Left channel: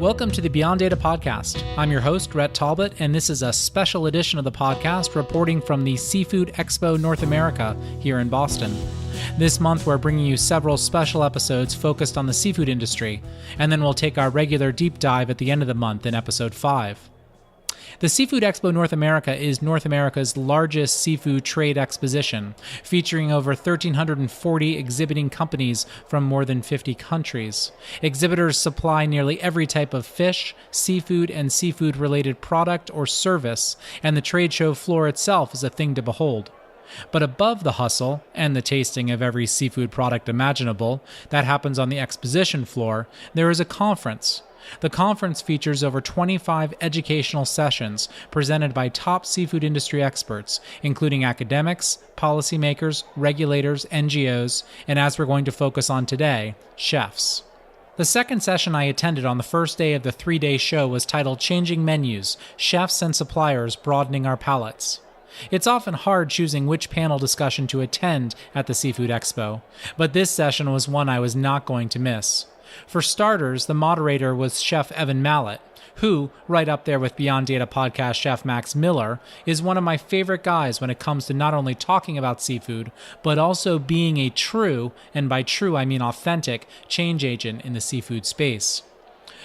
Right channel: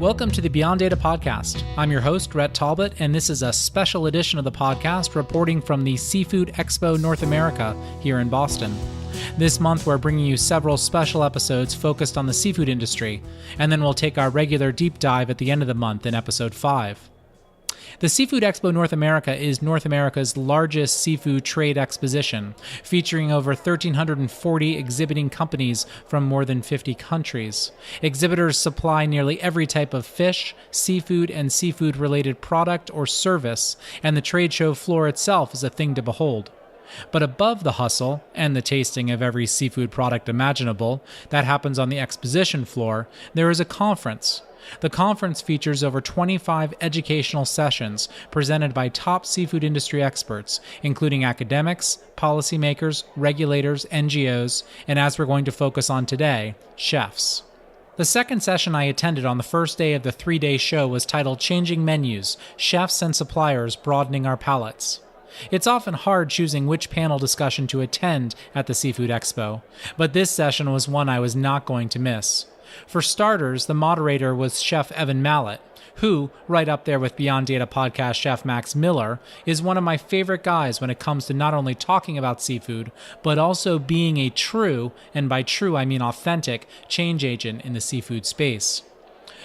Welcome to the Beyond Data podcast. I'm your host, Rhett Talbot, and this is a special edition of the podcast reporting from the Seafood Expo North America here in Boston. This month, we're bringing you several special episodes focused on the seafood industry, and then we'll take our regular deep dive at the end of the month in episode 5. The Seafood Expo North America is North America's largest seafood trade exposition, featuring over 1,340 exhibiting companies from more than 50 countries. Exhibitors supply nearly every type of fish, seafood, and seafood-related product or service, and the trade show floor itself is a thing to behold. But above the hustle and the tasting of every seafood product imaginable that happens on the exposition floor, there is a conference. The conference features over 25 educational sessions presented by top seafood industry experts, including academics, policymakers, regulators, NGOs, and as we're going to focus on today, chefs. The second session I attended on the first day of the 3-day show was titled Changing Menus, Chefs and Suppliers Broadening Our Palates. It's often hard choosing which panel discussion to attend at the Seafood Expo, but this session was one I was not going to miss. For starters, the moderator was Chef Evan Mallett, who, right up there with Beyond Data podcast chef Max Miller, is one of my favorite guys when it comes to not only talking about seafood, but also being a true, and by true I mean authentic, change agent in the seafood space.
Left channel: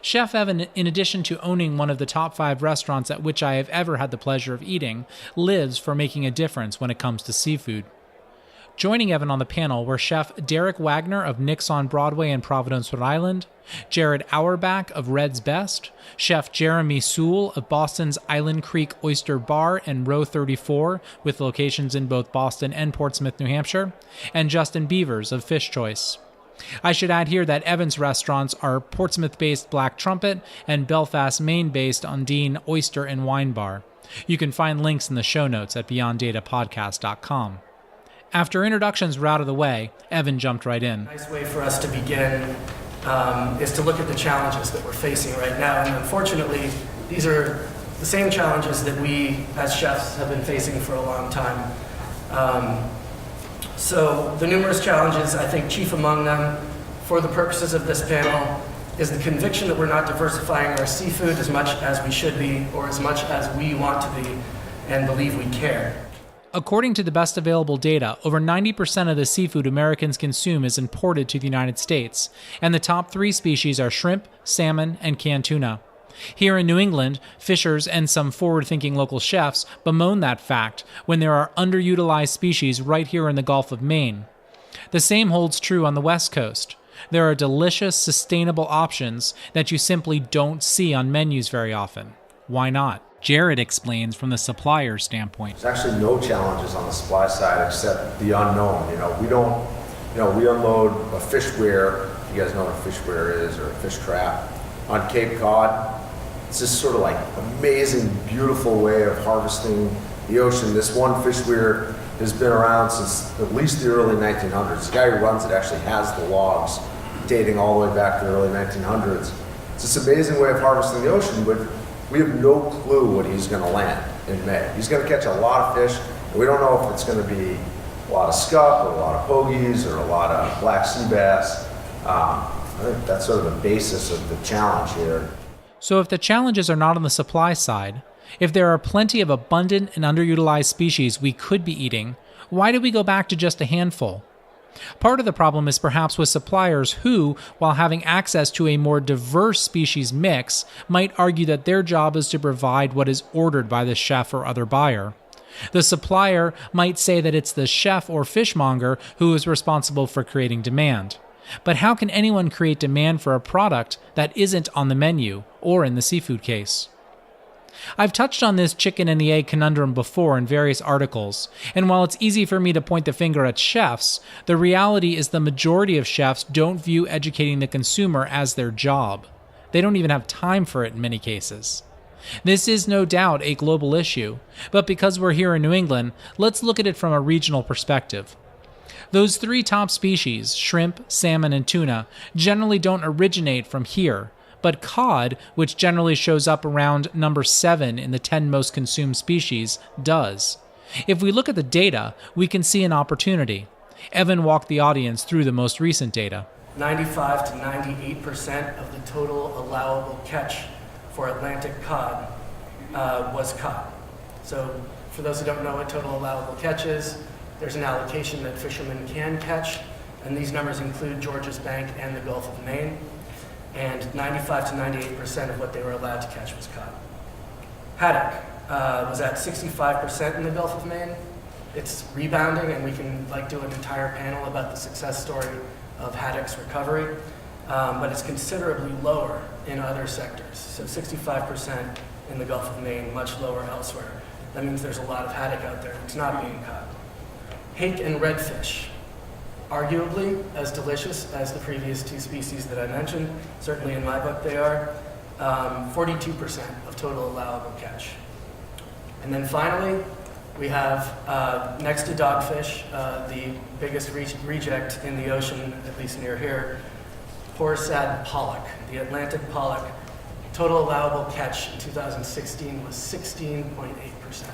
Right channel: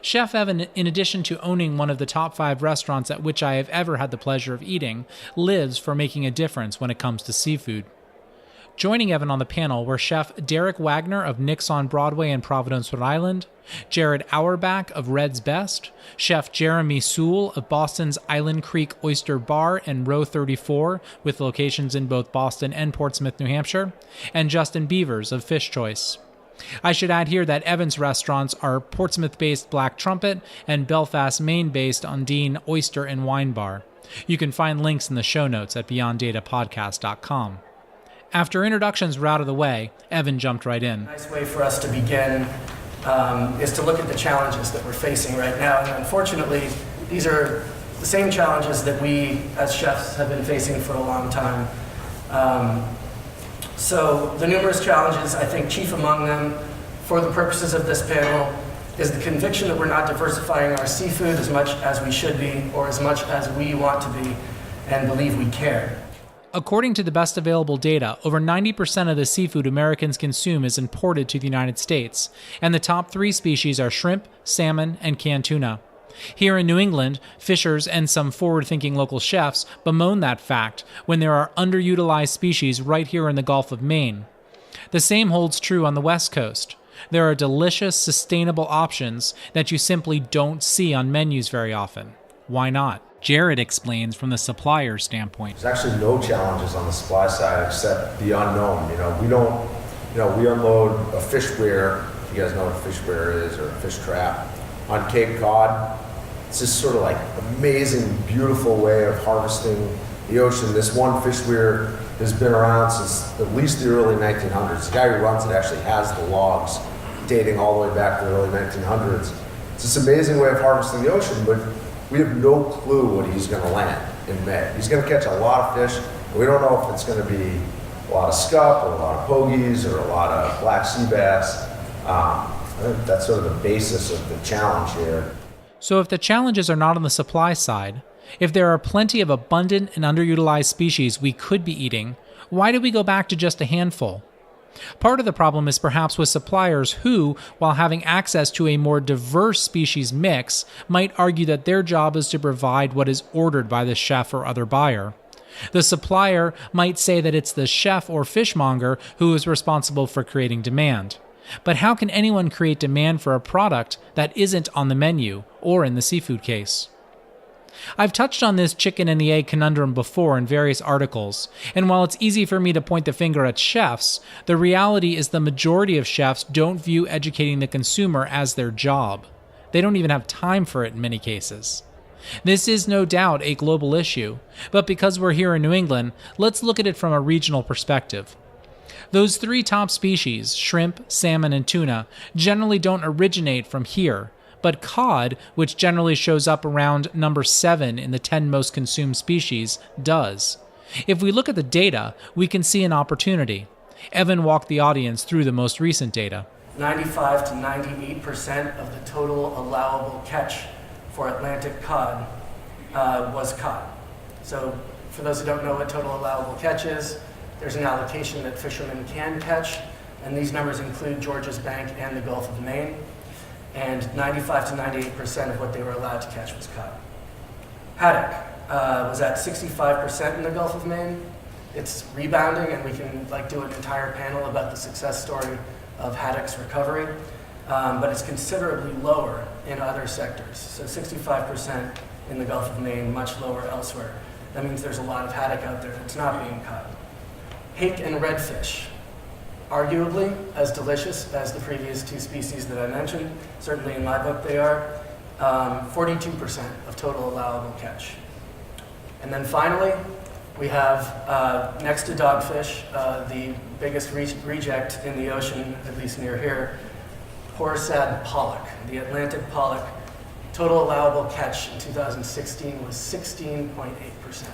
Chef Evan, in addition to owning one of the top 5 restaurants at which I have ever had the pleasure of eating, lives for making a difference when it comes to seafood. Joining Evan on the panel were Chef Derek Wagner of Nick's on Broadway in Providence, Rhode Island, Jared Auerbach of Red's Best, Chef Jeremy Sewall of Boston's Island Creek Oyster Bar and Row 34, with locations in both Boston and Portsmouth, New Hampshire, and Justin Beavers of Fish Choice. I should add here that Evan's restaurants are Portsmouth-based Black Trumpet and Belfast, Maine-based Ondine Oyster and Wine Bar. You can find links in the show notes at beyonddatapodcast.com. After introductions were out of the way, Evan jumped right in. A nice way for us to begin is to look at the challenges that we're facing right now. And unfortunately, these are the same challenges that we as chefs have been facing for a long time. So the numerous challenges, I think chief among them, for the purposes of this panel, is the conviction that we're not diversifying our seafood as much as we should be or as much as we want to be and believe we care. According to the best available data, over 90% of the seafood Americans consume is imported to the United States, and the top 3 species are shrimp, salmon, and canned tuna. Here in New England, fishers and some forward-thinking local chefs bemoan that fact when there are underutilized species right here in the Gulf of Maine. The same holds true on the West Coast. There are delicious, sustainable options that you simply don't see on menus very often. Why not? Jared explains from the supplier standpoint. There's actually no challenges on the supply side except the unknown. We unload a fish weir, if you guys know what a fish weir is, or a fish trap, on Cape Cod. It's this sort of like amazing, beautiful way of harvesting the ocean. This one fish weir has been around since at least the early 1900s. The guy who runs it actually has the logs dating all the way back to the early 1900s. It's this amazing way of harvesting the ocean, but we have no clue what he's going to land in May. He's going to catch a lot of fish. We don't know if it's going to be a lot of scup or a lot of pogies or a lot of black sea bass. I think that's sort of the basis of the challenge here. So if the challenges are not on the supply side, if there are plenty of abundant and underutilized species we could be eating, why do we go back to just a handful? Part of the problem is perhaps with suppliers who, while having access to a more diverse species mix, might argue that their job is to provide what is ordered by the chef or other buyer. The supplier might say that it's the chef or fishmonger who is responsible for creating demand. But how can anyone create demand for a product that isn't on the menu, or in the seafood case? I've touched on this chicken and the egg conundrum before in various articles, and while it's easy for me to point the finger at chefs, the reality is the majority of chefs don't view educating the consumer as their job. They don't even have time for it in many cases. This is no doubt a global issue, but because we're here in New England, let's look at it from a regional perspective. Those 3 top species, shrimp, salmon, and tuna, generally don't originate from here, but cod, which generally shows up around number 7 in the 10 most consumed species, does. If we look at the data, we can see an opportunity. Evan walked the audience through the most recent data. 95 to 98% of the total allowable catch for Atlantic cod was caught. So for those who don't know what total allowable catch is, there's an allocation that fishermen can catch, and these numbers include Georges Bank and the Gulf of Maine, and 95 to 98% of what they were allowed to catch was caught. Haddock was at 65% in the Gulf of Maine. It's rebounding, and we can do an entire panel about the success story of haddock's recovery, but it's considerably lower in other sectors. So 65% in the Gulf of Maine, much lower elsewhere. That means there's a lot of haddock out there that's not being caught. Hake and redfish, arguably as delicious as the previous two species that I mentioned. Certainly in my book they are. 42% of total allowable catch. And then finally, we have, next to dogfish, the biggest reject in the ocean, at least near here, Horsad pollock, the Atlantic pollock. Total allowable catch in 2016 was 16.8%.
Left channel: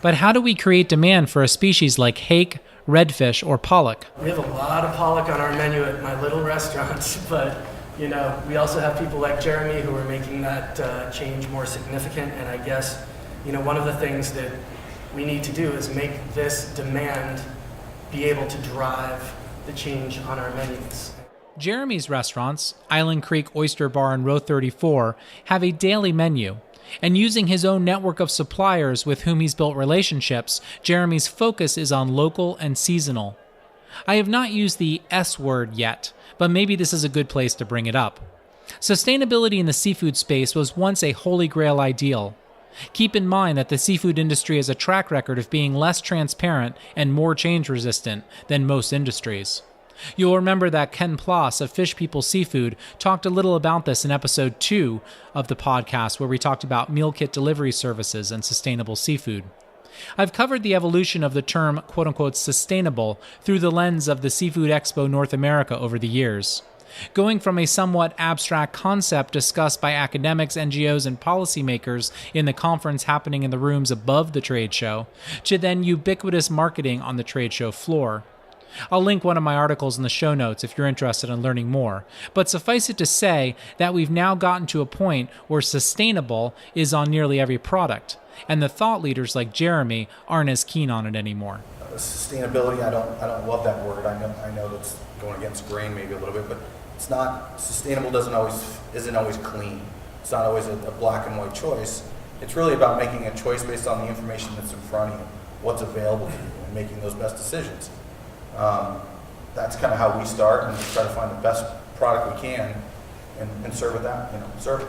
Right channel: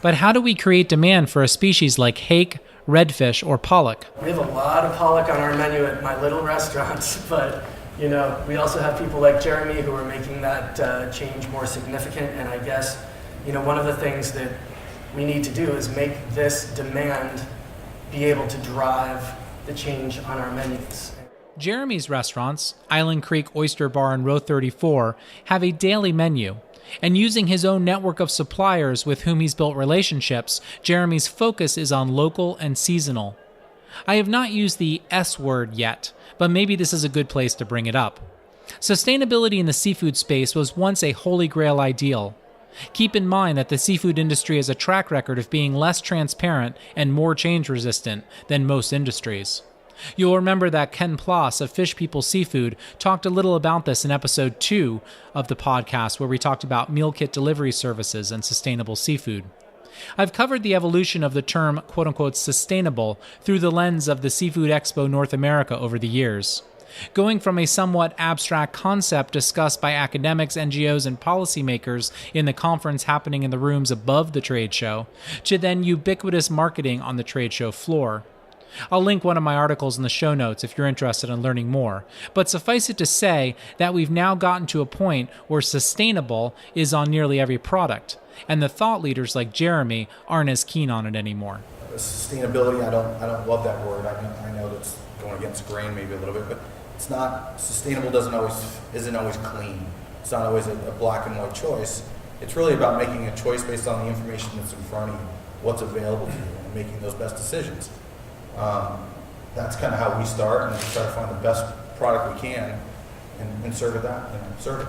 But how do we create demand for a species like hake, redfish, or pollock? We have a lot of pollock on our menu at my little restaurants, but we also have people like Jeremy who are making that change more significant. And I guess, one of the things that we need to do is make this demand be able to drive the change on our menus. Jeremy's restaurants, Island Creek Oyster Bar and Row 34, have a daily menu. And using his own network of suppliers with whom he's built relationships, Jeremy's focus is on local and seasonal. I have not used the S word yet, but maybe this is a good place to bring it up. Sustainability in the seafood space was once a holy grail ideal. Keep in mind that the seafood industry has a track record of being less transparent and more change-resistant than most industries. You'll remember that Ken Ploss of Fish People Seafood talked a little about this in episode 2 of the podcast, where we talked about meal kit delivery services and sustainable seafood. I've covered the evolution of the term quote-unquote sustainable through the lens of the Seafood Expo North America over the years. Going from a somewhat abstract concept discussed by academics, NGOs, and policymakers in the conference happening in the rooms above the trade show, to then ubiquitous marketing on the trade show floor. I'll link one of my articles in the show notes if you're interested in learning more, but suffice it to say that we've now gotten to a point where sustainable is on nearly every product, and the thought leaders like Jeremy aren't as keen on it anymore. Sustainability, I don't love that word. I know that's going against grain maybe a little bit, but it's not sustainable. Isn't always clean. It's not always a black and white choice. It's really about making a choice based on the information that's in front of you, what's available to you, and making those best decisions. That's kind of how we start, and we try to find the best product we can and serve it.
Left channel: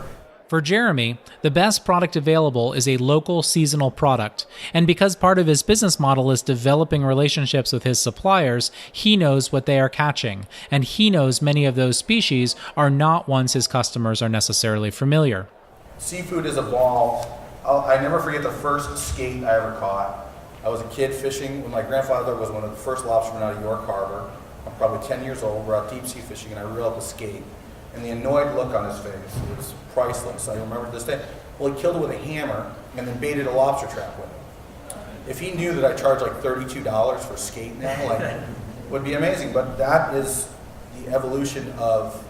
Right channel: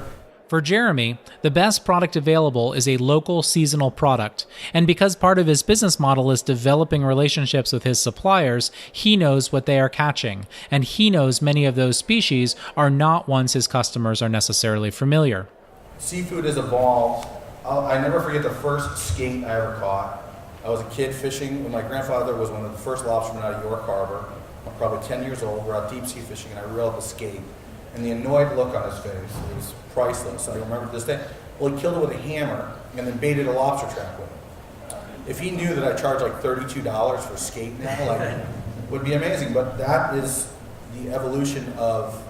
For Jeremy, the best product available is a local seasonal product, and because part of his business model is developing relationships with his suppliers, he knows what they are catching, and he knows many of those species are not ones his customers are necessarily familiar. Seafood has evolved. I never forget the first skate I ever caught. I was a kid fishing when my grandfather was one of the first lobstermen out of York Harbor. I'm probably 10 years old. We're out deep sea fishing, and I reeled up a skate. And the annoyed look on his face was priceless. I remember to this day. Well, he killed it with a hammer and then baited a lobster trap with it. If he knew that I charged like $32 for a skate now, would be amazing. But that is the evolution of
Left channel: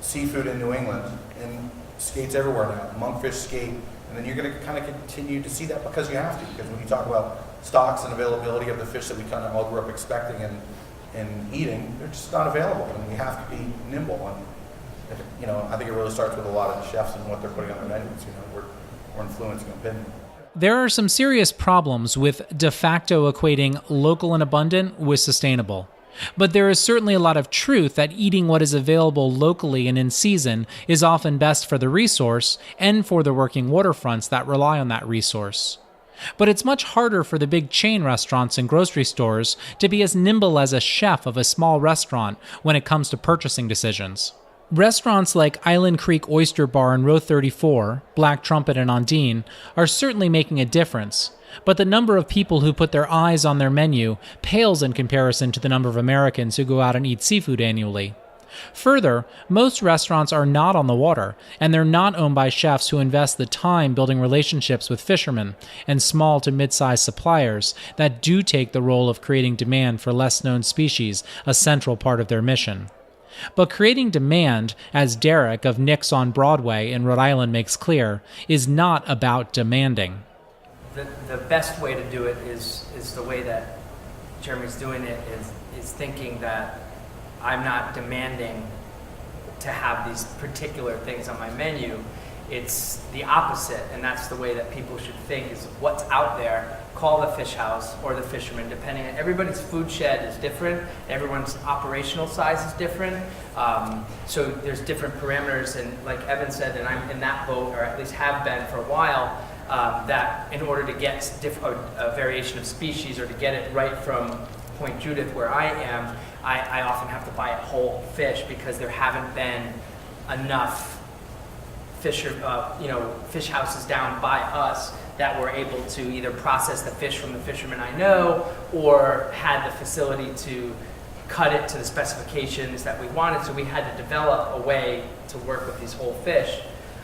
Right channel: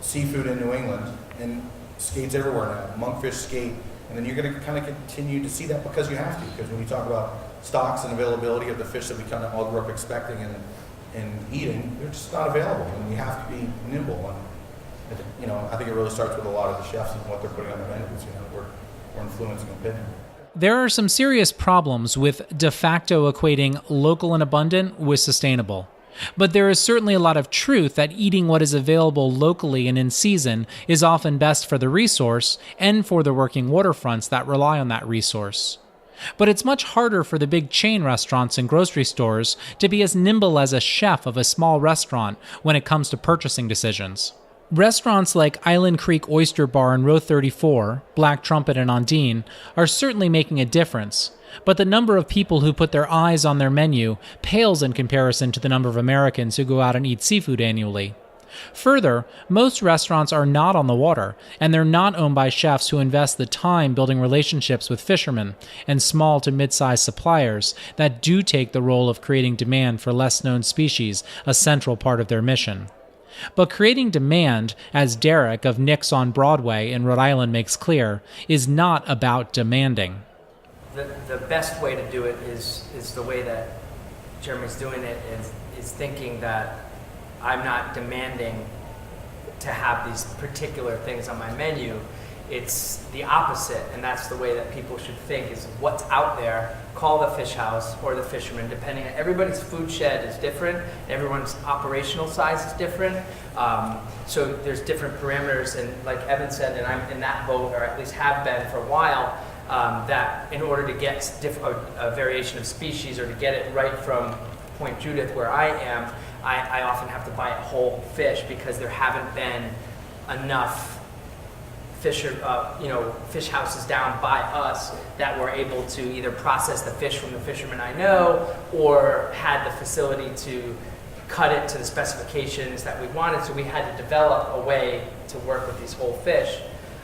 seafood in New England, and skates everywhere now. Monkfish skate. And then you're going to kind of continue to see that because you have to. Because when you talk about stocks and availability of the fish that we kind of all grew up expecting and eating, they're just not available. And we have to be nimble. And, I think it really starts with a lot of the chefs and what they're putting on their menus. We're influencing opinion. There are some serious problems with de facto equating local and abundant with sustainable. But there is certainly a lot of truth that eating what is available locally and in season is often best for the resource and for the working waterfronts that rely on that resource. But it's much harder for the big chain restaurants and grocery stores to be as nimble as a chef of a small restaurant when it comes to purchasing decisions. Restaurants like Island Creek Oyster Bar and Row 34, Black Trumpet and Ondine are certainly making a difference, but the number of people who put their eyes on their menu pales in comparison to the number of Americans who go out and eat seafood annually. Further, most restaurants are not on the water, and they're not owned by chefs who invest the time building relationships with fishermen and small to mid-sized suppliers that do take the role of creating demand for less-known species a central part of their mission. But creating demand, as Derek of Nick's on Broadway in Rhode Island makes clear, is not about demanding. The best way to do it is the way that Jeremy's doing it, is thinking that I'm not demanding to have these particular things on my menu. It's the opposite, and that's the way that people should think, is what's out there. Call the fish house or the fisherman, depending on everybody's food shed is different, everyone's operational size is different. So there's different parameters, and like Evan said, and I'm in that boat, or at least have been for a while, that in order to get a variation of species, or to get it right from Point Judith where I am, I often have to buy a whole fish, because there haven't been enough fish houses down by us that were able to either process the fish from the fishermen I know, or had the facility to cut it to the specifications that we wanted. So we had to develop a way to work with these whole fish,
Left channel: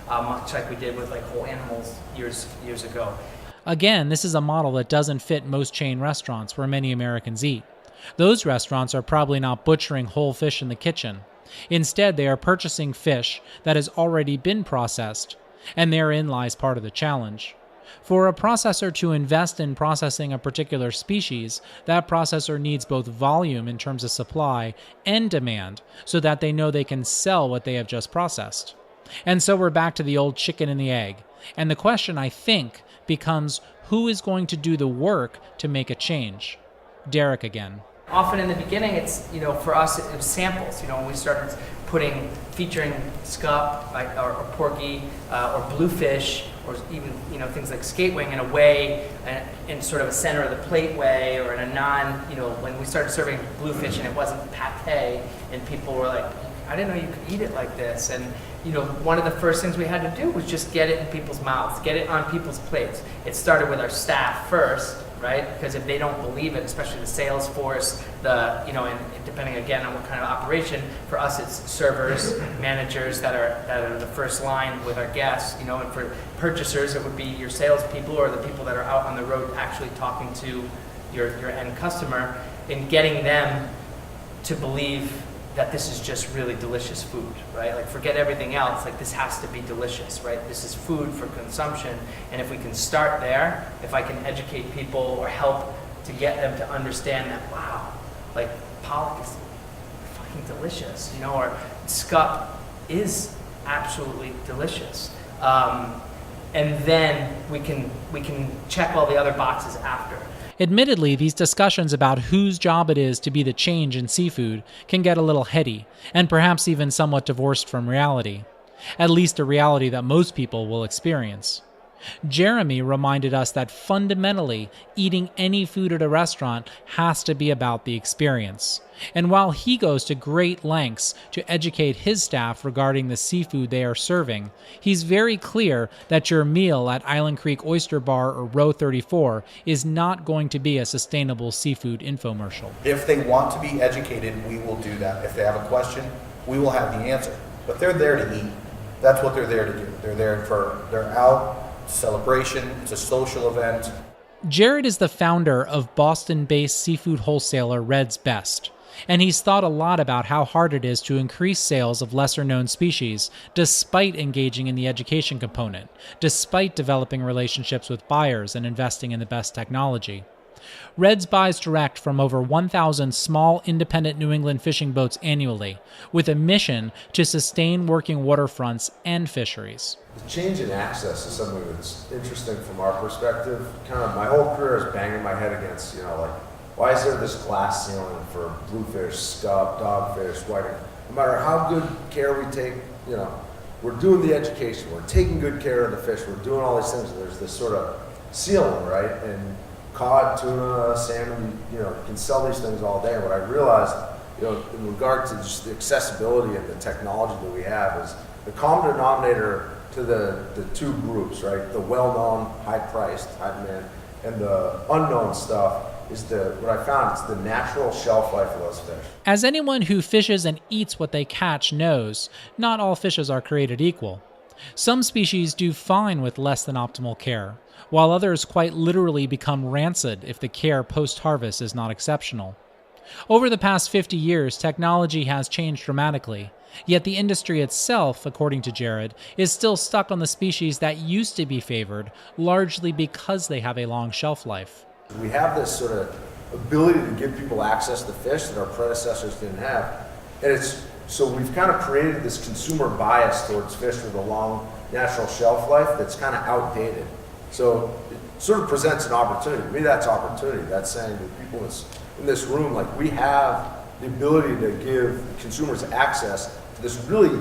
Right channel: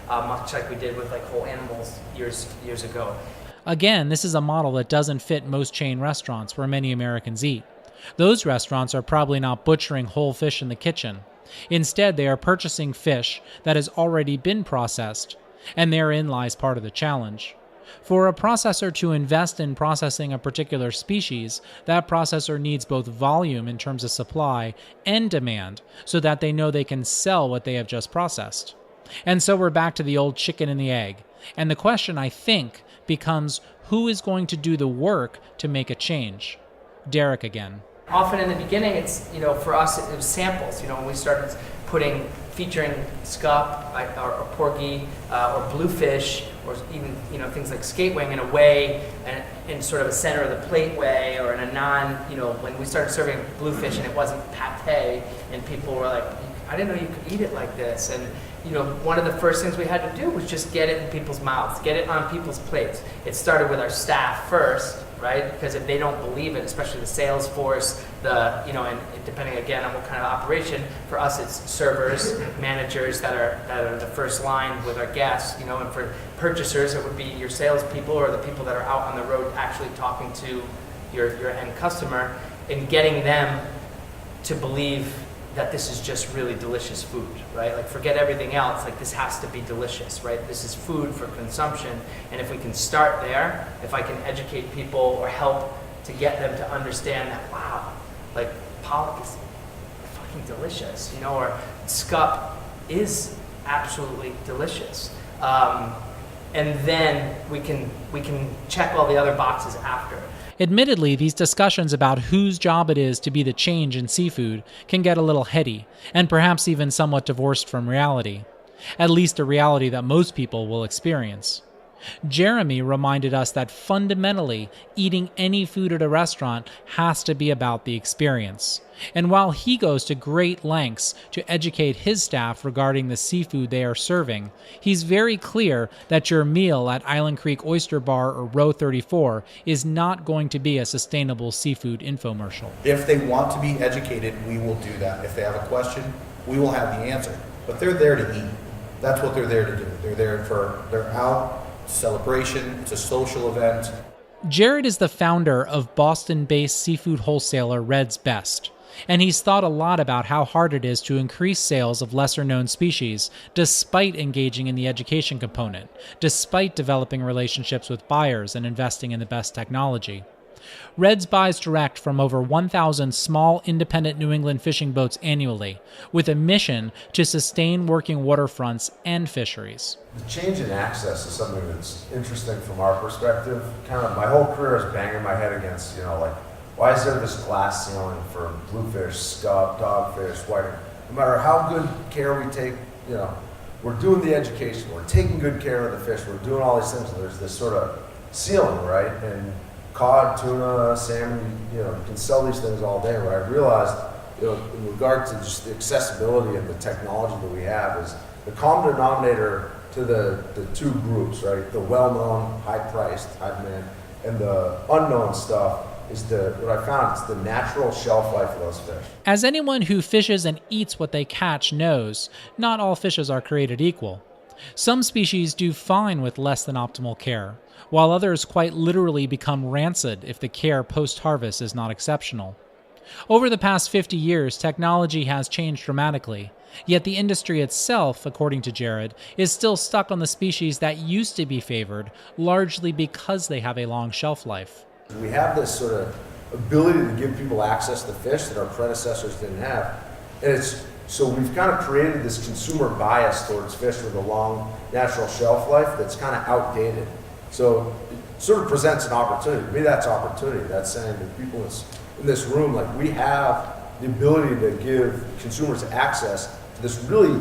much like we did with like whole animals years ago. Again, this is a model that doesn't fit most chain restaurants where many Americans eat. Those restaurants are probably not butchering whole fish in the kitchen. Instead, they are purchasing fish that has already been processed, and therein lies part of the challenge. For a processor to invest in processing a particular species, that processor needs both volume in terms of supply and demand, so that they know they can sell what they have just processed. And so we're back to the old chicken and the egg, and the question, I think, becomes who is going to do the work to make a change? Derek again. Often in the beginning, it's, for us, it was samples. When we started featuring scup or porgy or bluefish, or even, things like skate wing in a way, in sort of a center of the plate way, or in a when we started serving bluefish and it wasn't pate, and people were like, I didn't know you could eat it like this. And, one of the first things we had to do was just get it in people's mouths, get it on people's plates. It started with our staff first, right? Because if they don't believe it, especially the sales force, and depending again on what kind of operation, for us it's servers, managers that are the first line with our guests, and for purchasers it would be your salespeople or the people that are out on the road actually talking to your end customer, and getting them to believe that this is just really delicious food, right? Like, forget everything else, like this has to be delicious, right? This is food for consumption, and if we can start there, if I can educate people or help to get them to understand that, wow, like pollock is fucking delicious, or scup is absolutely delicious. And then we can check all the other boxes after. Admittedly, these discussions about whose job it is to be the change in seafood can get a little heady, and perhaps even somewhat divorced from reality. At least a reality that most people will experience. Jeremy reminded us that fundamentally, eating any food at a restaurant has to be about the experience. And while he goes to great lengths to educate his staff regarding the seafood they are serving, he's very clear that your meal at Island Creek Oyster Bar or Row 34 is not going to be a sustainable seafood infomercial. If they want to be educated, we will do that. If they have a question, we will have the answer. But they're there to eat. That's what they're there to do. They're out, celebration, it's a social event. Jared is the founder of Boston-based seafood wholesaler Red's Best, and he's thought a lot about how hard it is to increase sales of lesser-known species despite engaging in the education component, despite developing relationships with buyers and investing in the best technology. Red's buys direct from over 1,000 small independent New England fishing boats annually, with a mission to sustain working waterfronts and fisheries. The change in access is something that's interesting from our perspective. Kind of my whole career is banging my head against, why is there this glass ceiling for bluefish, scup, dogfish, whiting? No matter how good care we take, we're doing the education, we're taking good care of the fish, we're doing all these things, and there's this sort of ceiling, right? And cod, tuna, salmon, you can sell these things all day. What I realized, in regard to just the accessibility and the technology that we have, is the common denominator to the two groups, right? The well-known, high-priced, high-demand, and the unknown stuff is what I found, it's the natural shelf life of those fish. As anyone who fishes and eats what they catch knows, not all fishes are created equal. Some species do fine with less than optimal care, while others quite literally become rancid if the care post-harvest is not exceptional. Over the past 50 years, technology has changed dramatically, yet the industry itself, according to Jared, is still stuck on the species that used to be favored, largely because they have a long shelf life. We have this sort of ability to give people access to fish that our predecessors didn't have. And so we've kind of created this consumer bias towards fish with a long natural shelf life that's kind of outdated. So it sort of presents an opportunity. To me, that's opportunity. That's saying to people in this room, like, we have the ability to give consumers access to this really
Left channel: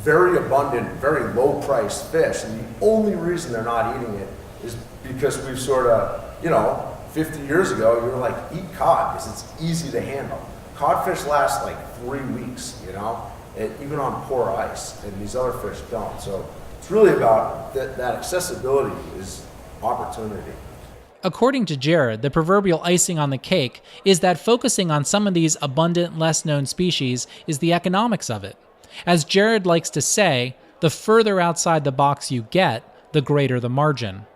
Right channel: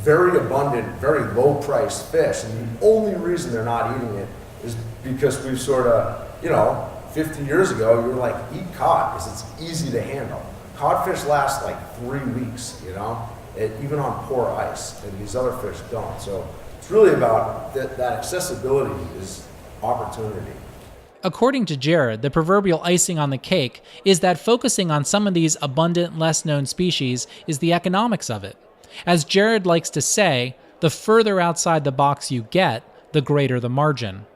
very abundant, very low priced fish. And the only reason they're not eating it is because we've sort of, 50 years ago, you were like, eat cod because it's easy to handle. Codfish last like 3 weeks, even on poor ice, and these other fish don't. So it's really about that accessibility is opportunity. According to Jared, the proverbial icing on the cake is that focusing on some of these abundant, less-known species is the economics of it. As Jared likes to say, the further outside the box you get, the greater the margin.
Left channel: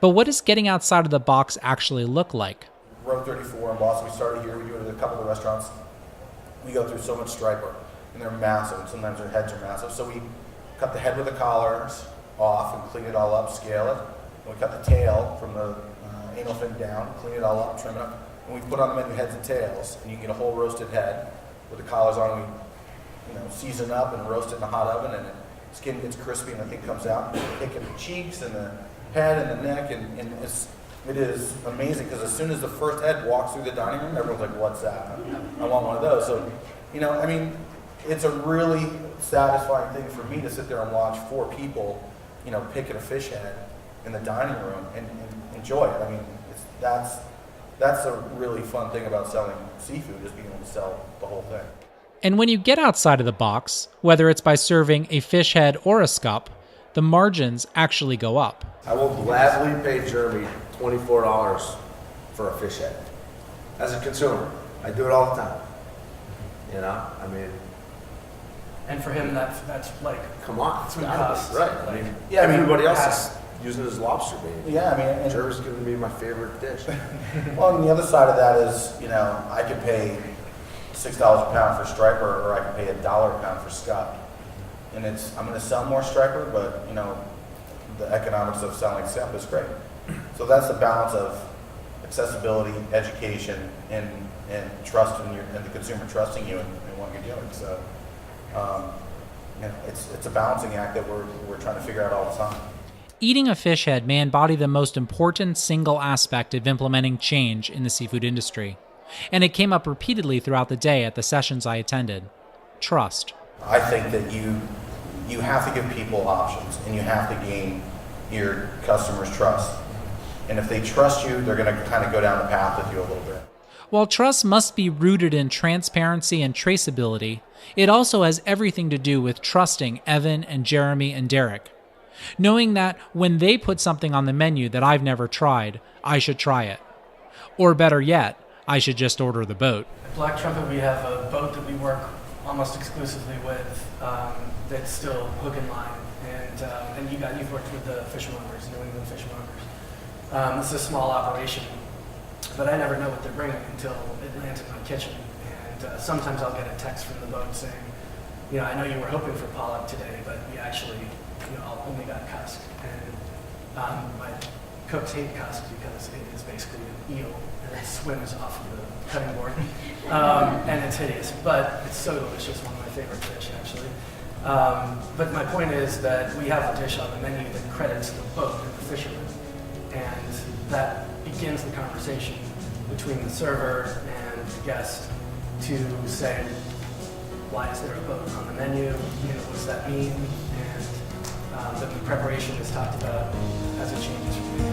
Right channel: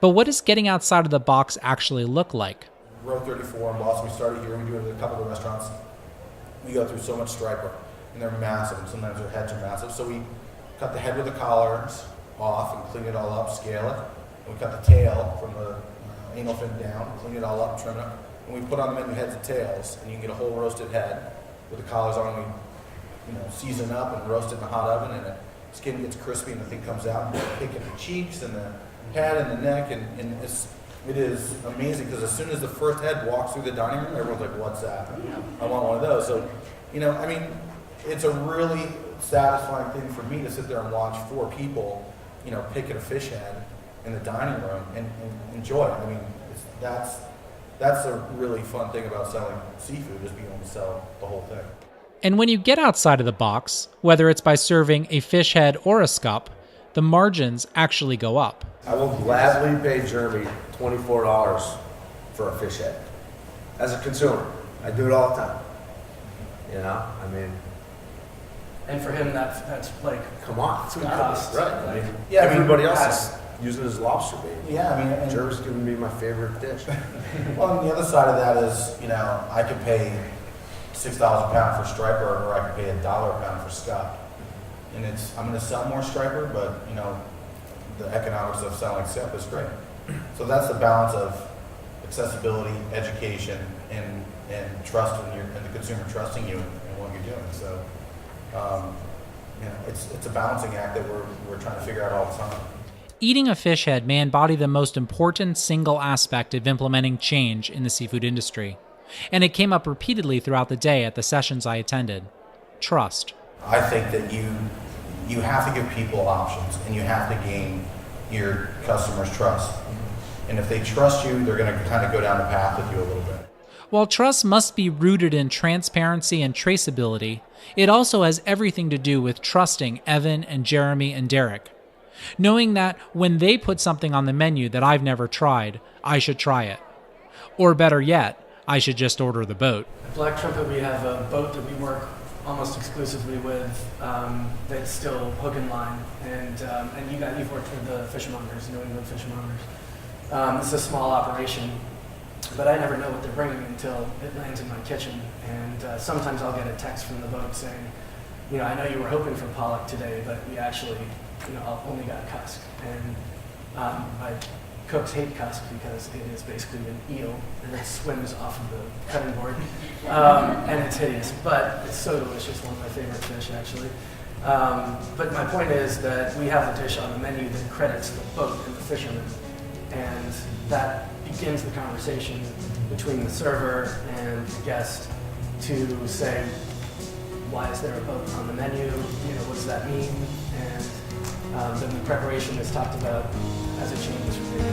But what does getting outside of the box actually look like? Row 34 in Boston, we started here, we do it at a couple of the restaurants. We go through so much striper, and they're massive, and sometimes their heads are massive. So we cut the head with the collars off and clean it all up, scale it. And we cut the tail from the anal fin down, clean it all up, trim it up. And we put on the menu heads and tails, and you can get a whole roasted head with the collars on. We season up and roast it in the hot oven, and the skin gets crispy and the thing comes out. And you pick at the cheeks and the head and the neck, and it is amazing because as soon as the first head walks through the dining room, everyone's like, what's that? I want one of those. So, it's a really satisfying thing for me to sit there and watch 4 people, pick at a fish head in the dining room and enjoy it. That's a really fun thing about selling seafood, is being able to sell the whole thing. And when you get outside of the box, whether it's by serving a fish head or a scup, the margins actually go up. I will gladly pay Jeremy $24 for a fish head. As a consumer, I do it all the time. And for him, that's like, Come on, it's food gotta costs. be, right? Like, Everybody else is using it as lobster bait. Yeah, and Jeremy's gonna be my favorite dish. well, and the other side of that is, I could pay $6 a pound for striper, or I could pay $1 a pound for scup. And I'm going to sell more striper, but the economics of selling scup is great. So that's the balance of accessibility, education, and trust in and the consumer trusting you in what you're doing. So it's a balancing act that we're trying to figure out all the time. Eating a fish head may embody the most important single aspect of implementing change in the seafood industry. And it came up repeatedly throughout the day at the sessions I attended. Trust. I think that you have to give people options, and you have to gain your customers' trust. And if they trust you, they're going to kind of go down the path with you a little bit. While trust must be rooted in transparency and traceability, it also has everything to do with trusting Evan and Jeremy and Derek. Knowing that when they put something on the menu that I've never tried, I should try it. Or better yet, I should just order the boat. At Black Trumpet, we have a boat that we work almost exclusively with that's still hook and line. And you've worked with the fishmongers, New England fishmongers. This is a small operation, but I never know what they're bringing until it lands in my kitchen. And sometimes I'll get a text from the boat saying, I know you were hoping for pollock today, but we actually, only got cusk. And my cooks hate cusk because it is basically an eel and it swims off of the cutting board. And it's hideous, but it's so delicious, one of my favorite fish actually. But my point is that we have a dish on the menu that credits the boat and the fisherman. And that begins the conversation between the server and the guest to say, why is there a boat on the menu? What does that mean? And then the preparation is talked about as it changes from day.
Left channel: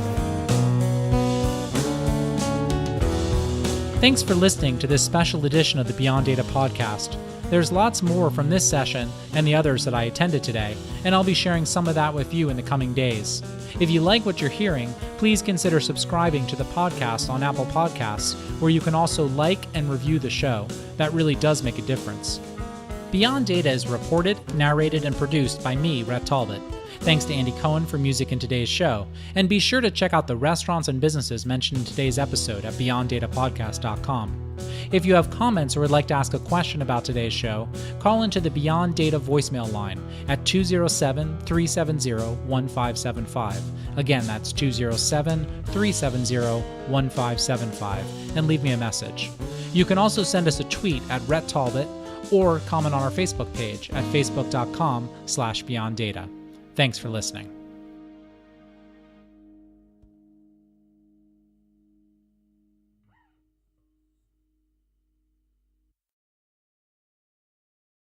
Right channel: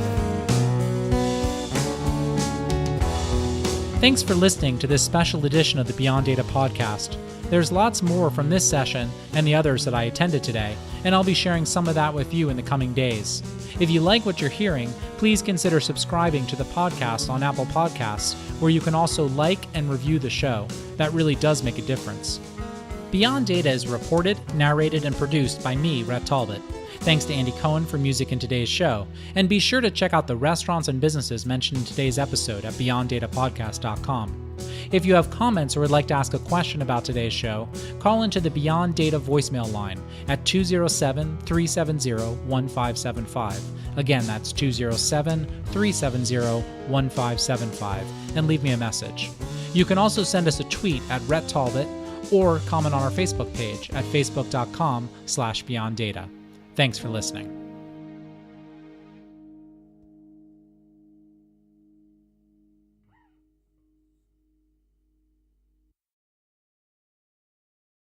Thanks for listening to this special edition of the Beyond Data podcast. There's lots more from this session and the others that I attended today, and I'll be sharing some of that with you in the coming days. If you like what you're hearing, please consider subscribing to the podcast on Apple Podcasts, where you can also like and review the show. That really does make a difference. Beyond Data is reported, narrated, and produced by me, Rhett Talbot. Thanks to Andy Cohen for music in today's show, and be sure to check out the restaurants and businesses mentioned in today's episode at beyonddatapodcast.com. If you have comments or would like to ask a question about today's show, call into the Beyond Data voicemail line at 207-370-1575. Again, that's 207-370-1575, and leave me a message. You can also send us a tweet at Rhett Talbot or comment on our Facebook page at facebook.com/BeyondData. Thanks for listening.